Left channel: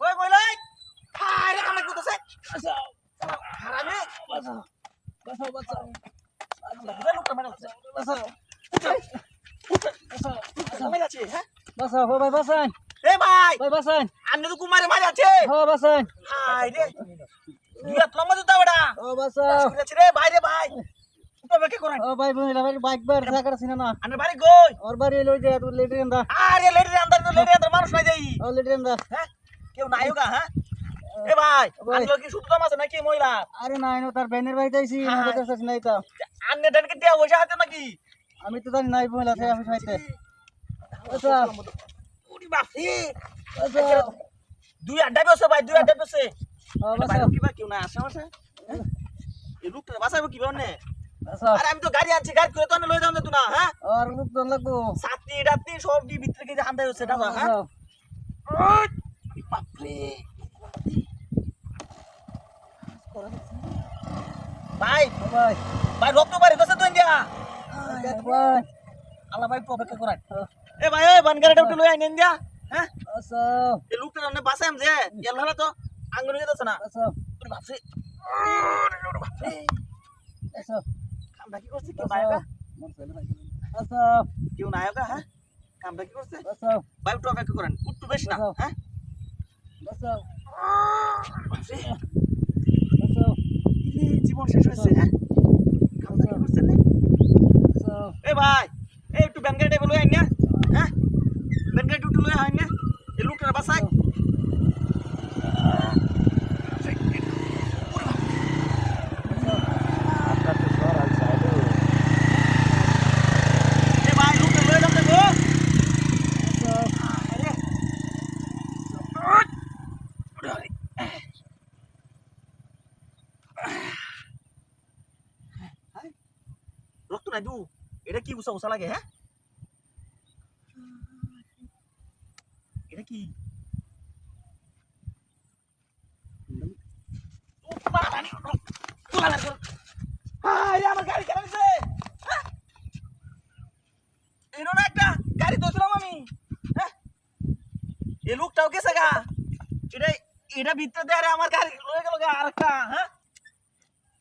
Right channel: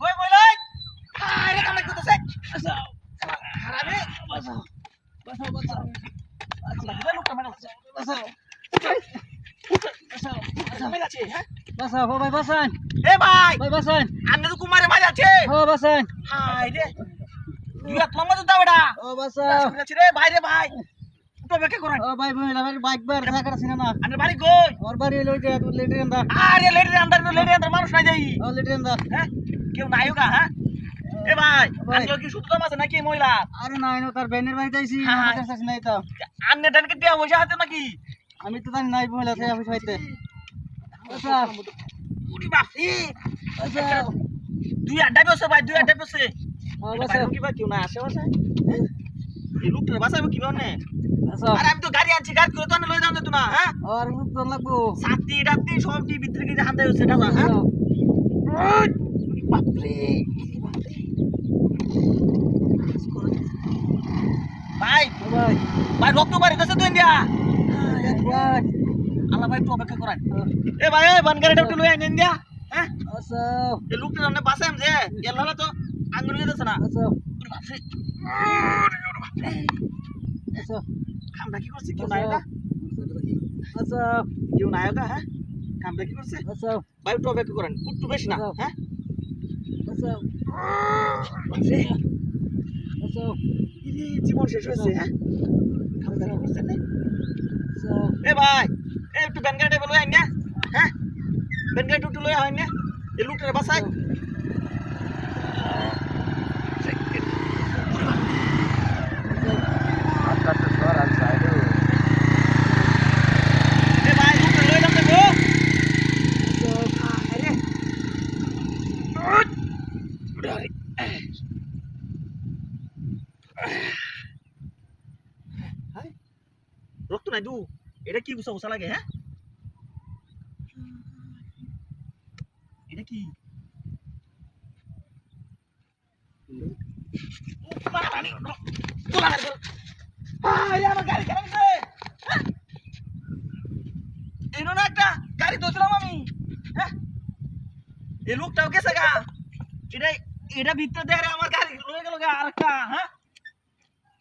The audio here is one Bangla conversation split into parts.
ওই বলাই আরে কামাই করতেছে বাঁচাও আরে বাঁচাও বাঁচাও বাঁচাও আচ্ছা লোকটা মানে বাঁচাও বাঁচাও বাঁচাও মেরে আছে হ্যাঁ বাঁচাও ও ভাই বাঁচান এ ভাই ভাই বাঁচান আন্নে তো কুমারে মারি আছে ও বাঁচান হাই রে তুই এত লম্বা তো দাওড়া ও বাঁচাও আছে রে ভাই রে ভাই তো বেকে করেন ও ভাই মহিলা ভাই বাইক বার জায়গা আছে না আন্নে বাড়ি কই ওর বাড়ি লই যা তুই লেটে আন্দা আরে লেডি আন্দার মানুষ নাই যাই ও লেটে আন্দা হ্যাঁ কেউ নাই হোগা হ্যাঁ এ ভাই ভাই। আন্নে কি শুধু দাম আছে নাকি মহিলা আরে নাই না তার বেনের বাড়িতে আইছি হ্যাঁ। আমাদের কাছে নাই তো আন্নে টানকে দেয়া পয়সা আছে নাকি আমি তো জানি নাই মহিলা থেকে অফিস হইতে বাঁচাও উরি বাপ রে বাঁচাও দুই আড্ডা বসে ভাই দুই আড্ডা বসে ও বাঁচাও কি বা কেউ না আসে আসে এই লোকটা বাঁচাবো কি বানে বাঁচাও আরে আমি তো গাড়ি আনছি গাড়ি করে তো আনে লই যাও না তো না হ্যাঁ আর লোক তো লাগবো সাতটি ডাবটি সবটি ভিতরে কি হান্দা হচ্ছে না হ্যাঁ বাঁচাও বাপ রে ভাই ও ভাই ভাই রক্ত বাড়ি গেছে তো ইন্ডিয়া ভাই আল্লাহ ভাই একটু অপেক্ষা করেন এ ভাই ওই বান গাড়িটা একটু লই আইন ইন্ডিয়া হ্যাঁ বাঁচাও এই লোকটা সামনে বাসায় যে গেল তো আঙ্গুল গেছে না বাঁচাও ওরে বাপ রে বাঁচাও কামটা কি করছে কেউ নায়কা বাঁচাও কেউ নায়কা হ্যাঁ কামটা কি করছে বাঁচাও ভাই একটু অপেক্ষা করেন একটু বেশি না হ্যাঁ বাঁচাও বাপ রে বাঁচাও ইরে, জীবন শেষ হয়েছে হ্যাঁ কামটা কি করছে না বাঁচাও এ ভাই এ একটু ব্যান গাড়িটা লই আইন না হ্যাঁ ব্যান গাড়িটা একটু লই আইন না এই লোকটার বাসায় এ ভাই লোকটা লই যান দেবো রক্ত নাই দু এটা কি উষা উষা লাগে হ্যাঁ এটা কি আমার গাড়ি কেন দিছে এনো না একটা গাড়ি ধরছিলাম আমি হ্যাঁ এ লোকটাও গেছে গা এটা এটা ভিতরে দেয় আমার গাড়ি রয়ে গেল গা আর একটা হ্যাঁ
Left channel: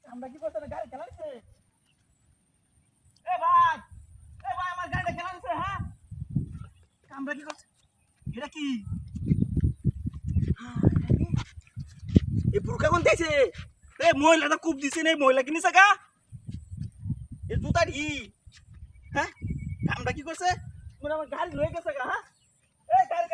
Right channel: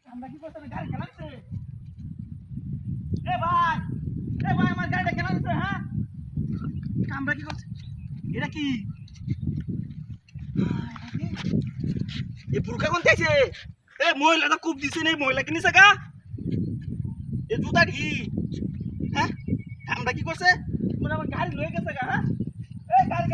আমরা কি করতে গাড়ি খেলা দিছে এ ভাই আমার গাড়িটা খেলা দিছে হ্যাঁ আমরা কি করছে এটা কি এ বুরকা কোন দিছে এ মহিলা তো খুব দিছে নাই মহিলা কিনিছে গা এ জুতা ঢি হ্যাঁ আমরা কি করছে আমার গাড়ি লয়ে গেছে গা হ্যাঁ এ গাড়ি